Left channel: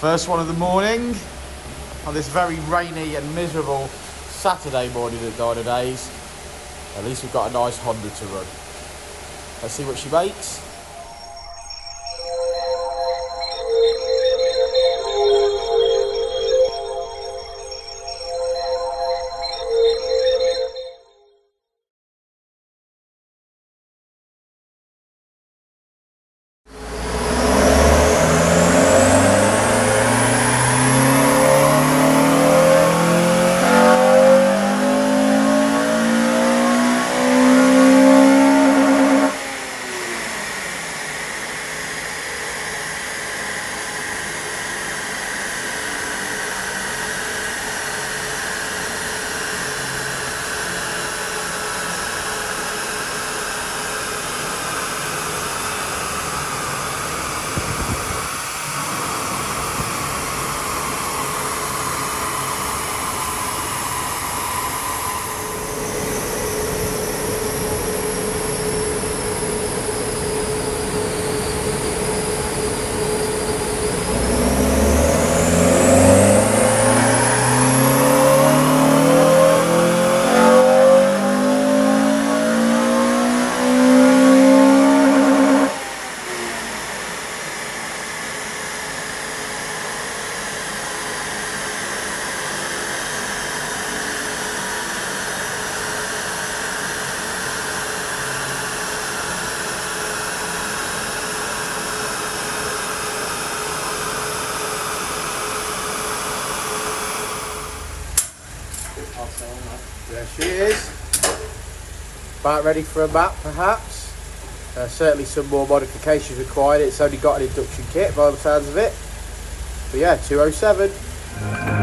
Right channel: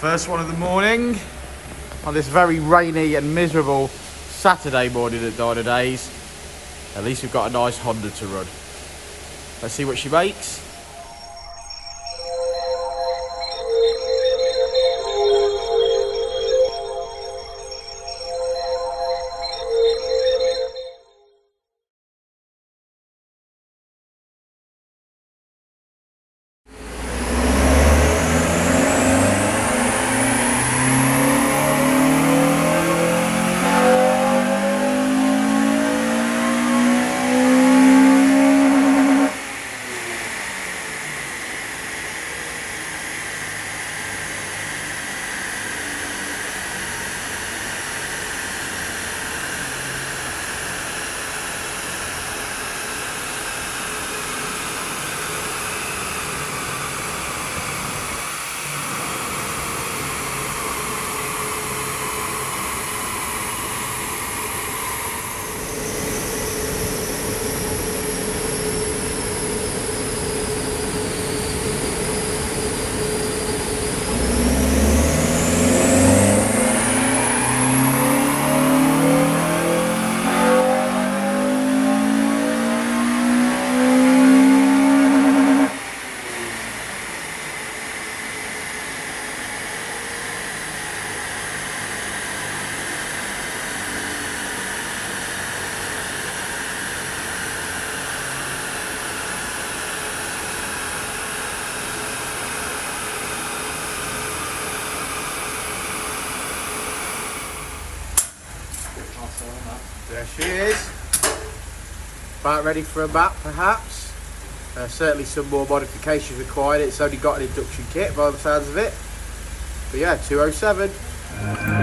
First one of the morning on this very rainy and miserable Saturday morning at Dynodaze. At least we've got a nice Honda to run. Let's see what she makes. There she is. About ready for a map, perhaps. Certainly some more modifications required. It's only got an induction kit by the sounds of it. But yeah, 207.